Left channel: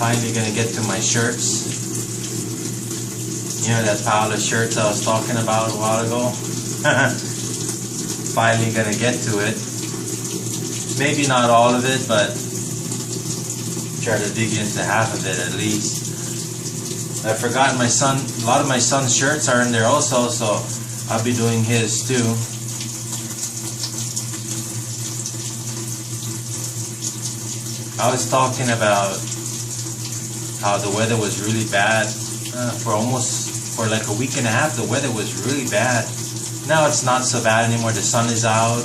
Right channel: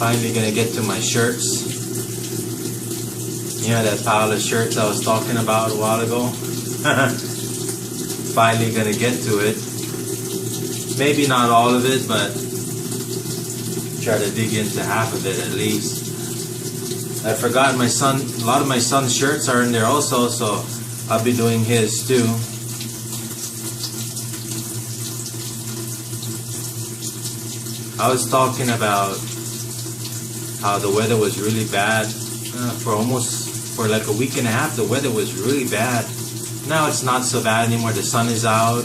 Finally gonna get to my shirts. You know that pile of shirts I was talking about a while ago? Finally gonna get to it. Maybe not all of it, but try to dig into half of it at least. I forgot my son, a lot of my son's shirts are in there also, so I'll be doing his too. I was talking about how the weather was really bad for like a week and a half. The weather was really bad. Now it's not so bad anymore. The sun is out.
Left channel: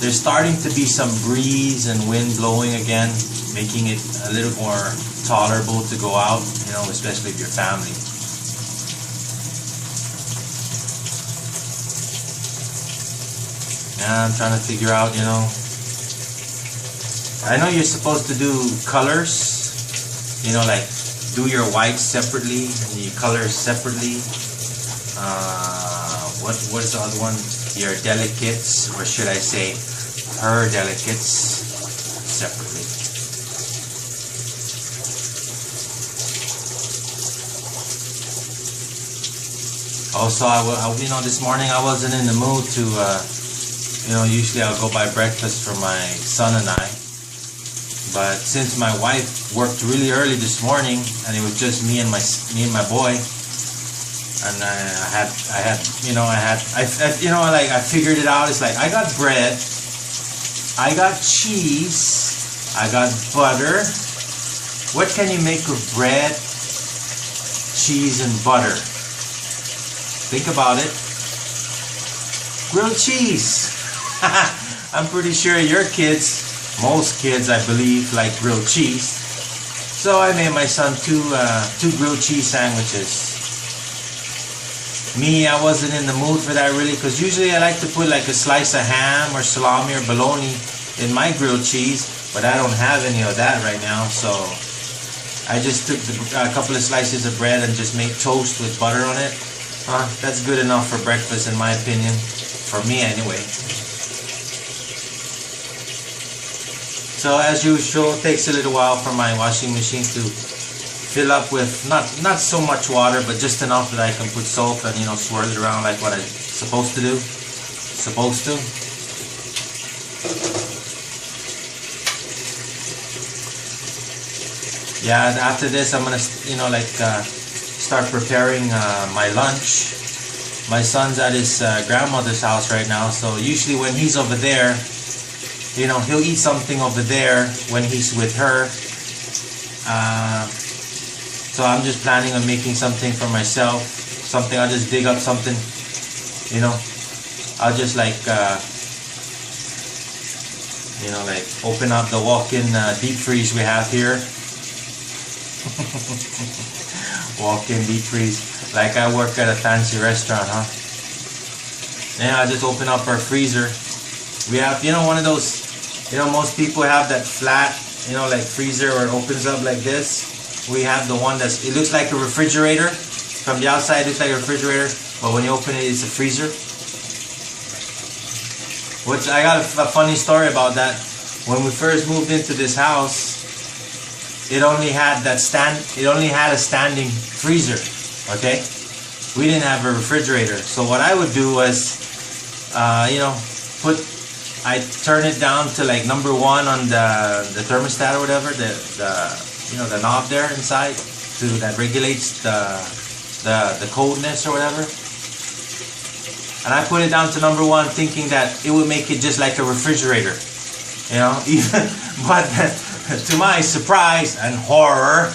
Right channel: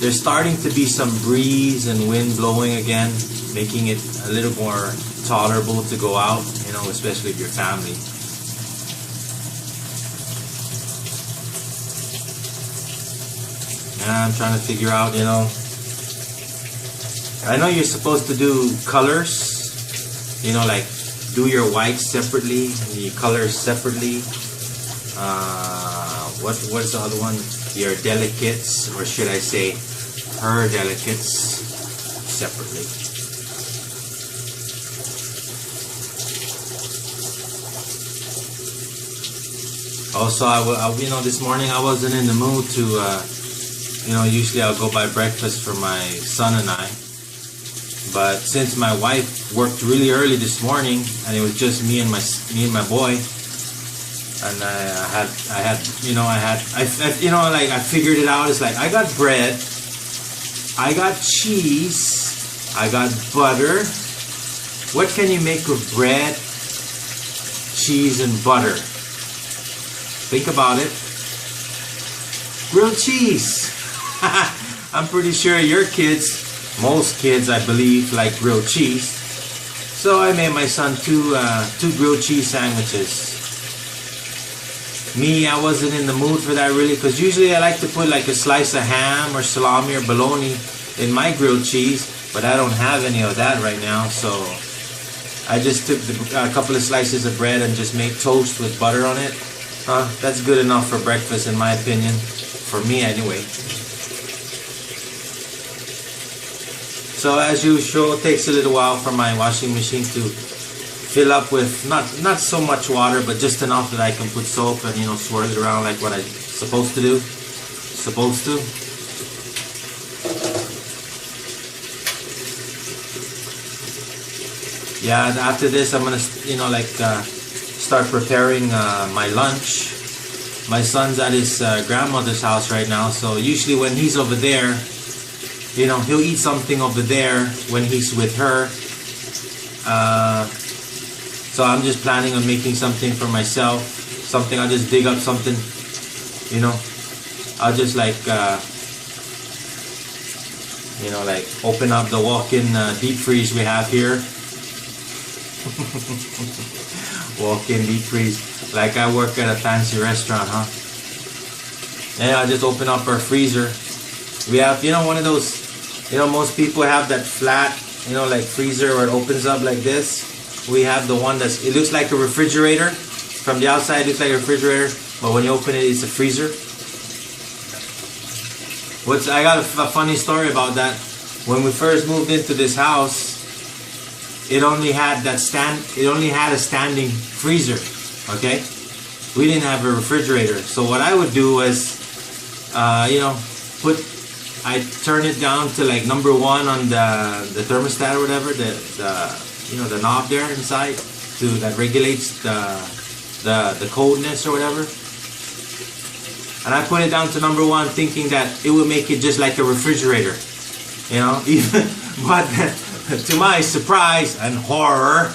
There's starting to be some breeze and wind blowing again, making it a little more tolerable to go out, you know, especially with your family. Now I'm trying to figure out, you know, I know you're supposed to do colors, you know, like do your whites separately and your colors separately. What is the other one? Your delicates, or should I say her delicates, separately. Also, you know, this morning I wasn't in the mood to, you know, usually I'll go buy breakfast for my son and I. But since my wife worked really early this morning, and it was just me and my boy, and I figured it out. It's like I got bread, I got cheese, I got butter. What can you make of bread, cheese, and butter? Think about it. Grilled cheese. I'm pretty sure your kids, most kids I believe, like grilled cheese. So I made my son two grilled cheese sandwiches. Me, I wasn't in the mood for that really, because usually I like to put like a slice of ham or salami or bologna in my grilled cheese, but I don't have any of that right now, so I just took a couple of slices of bread and just made toast with butter on it. That's good enough for breakfast in my opinion, for me anyway. So as usual, it takes a little while for my washing machine to fill up with not so much water, but just enough that I can put soap and, you know, swirl it around like what I'm supposed to do. Yeah, after this I'm gonna, you know, like start preparing my lunch. My son's at his grandmother's house right now, so usually when he's over there, you know, he'll eat something over there when he's with her. So I'm just planning on making something for myself. Something, I'll just dig up something, you know. I'll just like, you know, like open up the walk-in deep freeze we have here. Walk-in deep freeze. Like I work at a fancy restaurant, huh? And I'll just open up our freezer. We have, you know, one of those, you know, most people have that flat, you know, like freezer where it opens up like this. We have the one that's, it looks like a refrigerator. From the outside it looks like a refrigerator, but when you open it, it's a freezer. Which I got a funny story about that. When we first moved into this house, it only had a standing freezer, okay? We didn't have a refrigerator. So what I would do was, you know, I turn it down to like number 1 on the thermostat or whatever, you know, the knob there inside that regulates the coldness or whatever. And I put it down to number 1, thinking that it would make it just like a refrigerator, you know. But to my surprise and horror,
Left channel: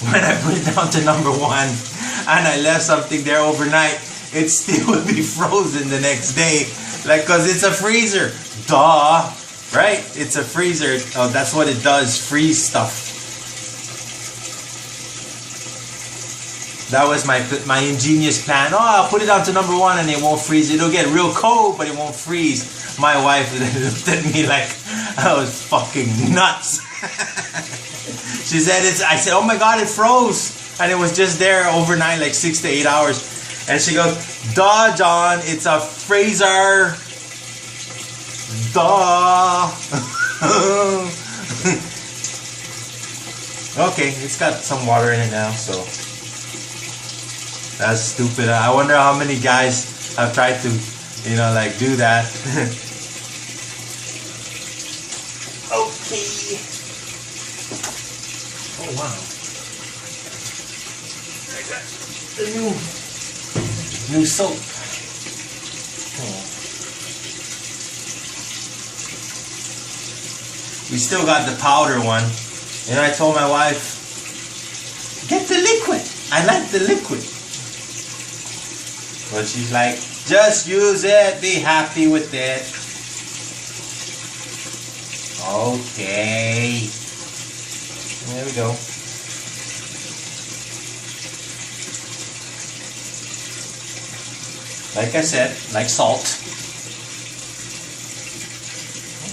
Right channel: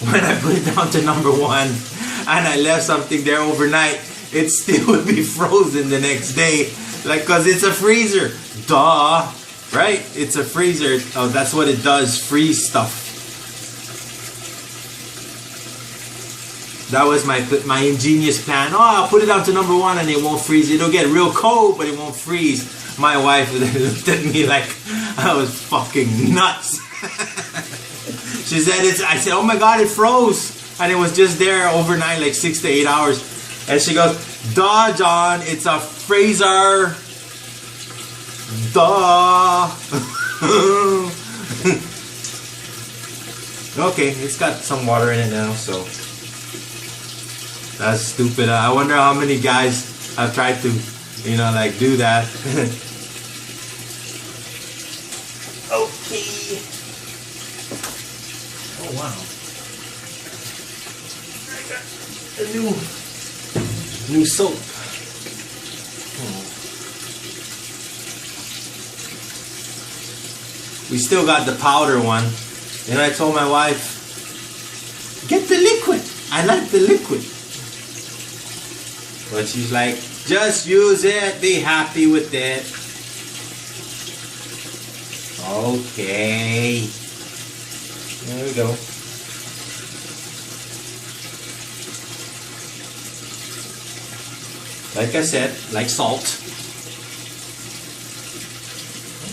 when I put it down to number 1 and I left something there overnight, it still would be frozen the next day, like, cause it's a freezer. Duh, right? It's a freezer. Oh, that's what it does, freeze stuff. That was my ingenious plan. Oh, I'll put it down to number 1 and it won't freeze. It'll get real cold, but it won't freeze. My wife looked at me like I was fucking nuts. She said, I said, oh my God, it froze. And it was just there overnight, like 6 to 8 hours. And she goes, duh, John, it's a freezer. Duh. Okay, it's got some water in it now, so that's stupid. I wonder how many guys have tried to, you know, like do that. Okay. Oh wow. I got a new soap. Oh. We still got the powder one. And I told my wife, get the liquid. I like the liquid. But she's like, just use it. Be happy with it. Okay. There we go. Like I said, like salt.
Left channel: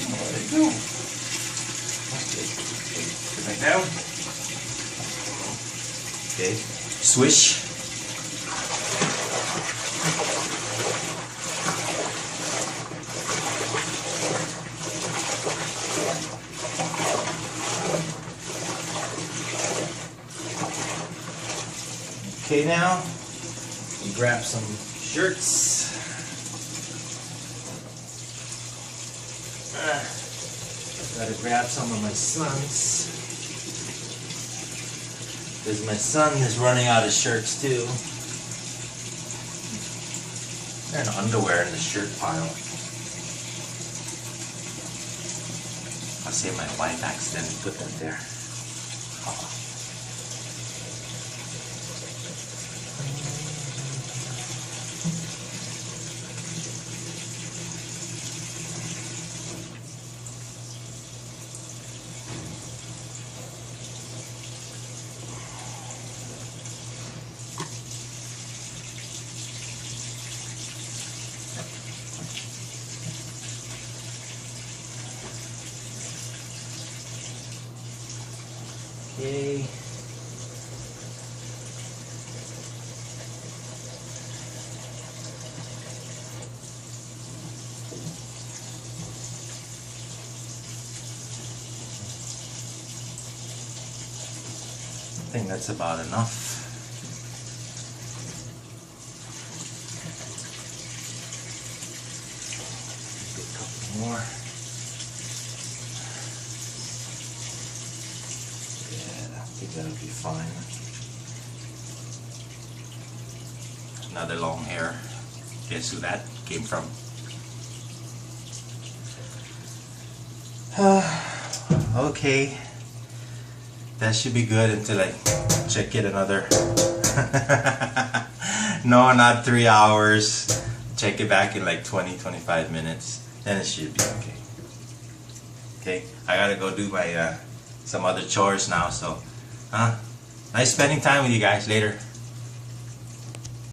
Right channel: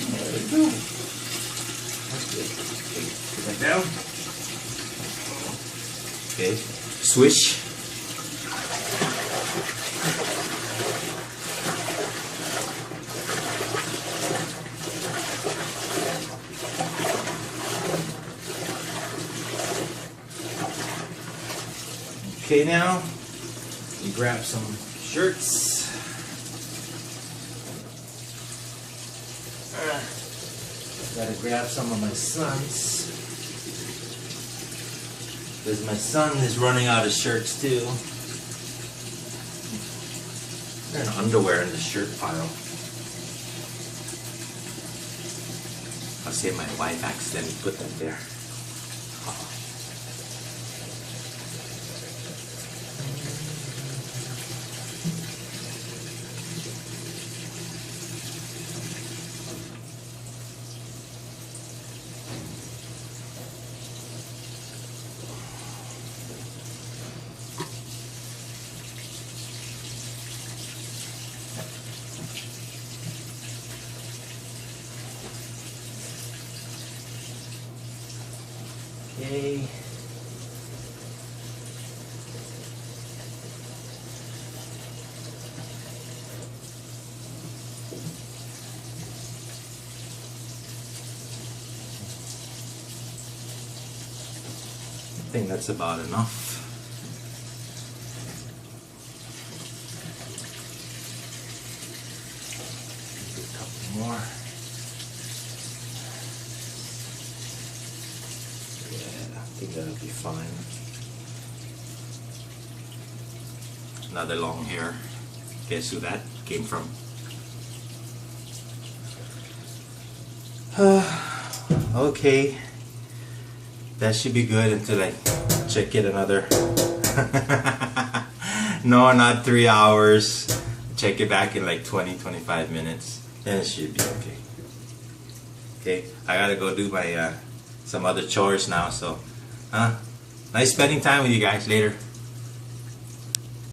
There we go. Put that down. Okay. Swish. Okay, now we grab some shirts. Gotta grab some of my son's, because my son is running out of shirts too. There's underwear in the shirt pile. I'll say my wife accidentally put them there. Okay. I think that's about enough. Do a couple more. I think that'll be fine. Another long hair. Guess who that came from? Okay. That should be good until I check it another. No, not 3 hours. Check it back in like 20-25 minutes. Then it should be okay. Okay, I gotta go do my some other chores now, so nice spending time with you guys. Later.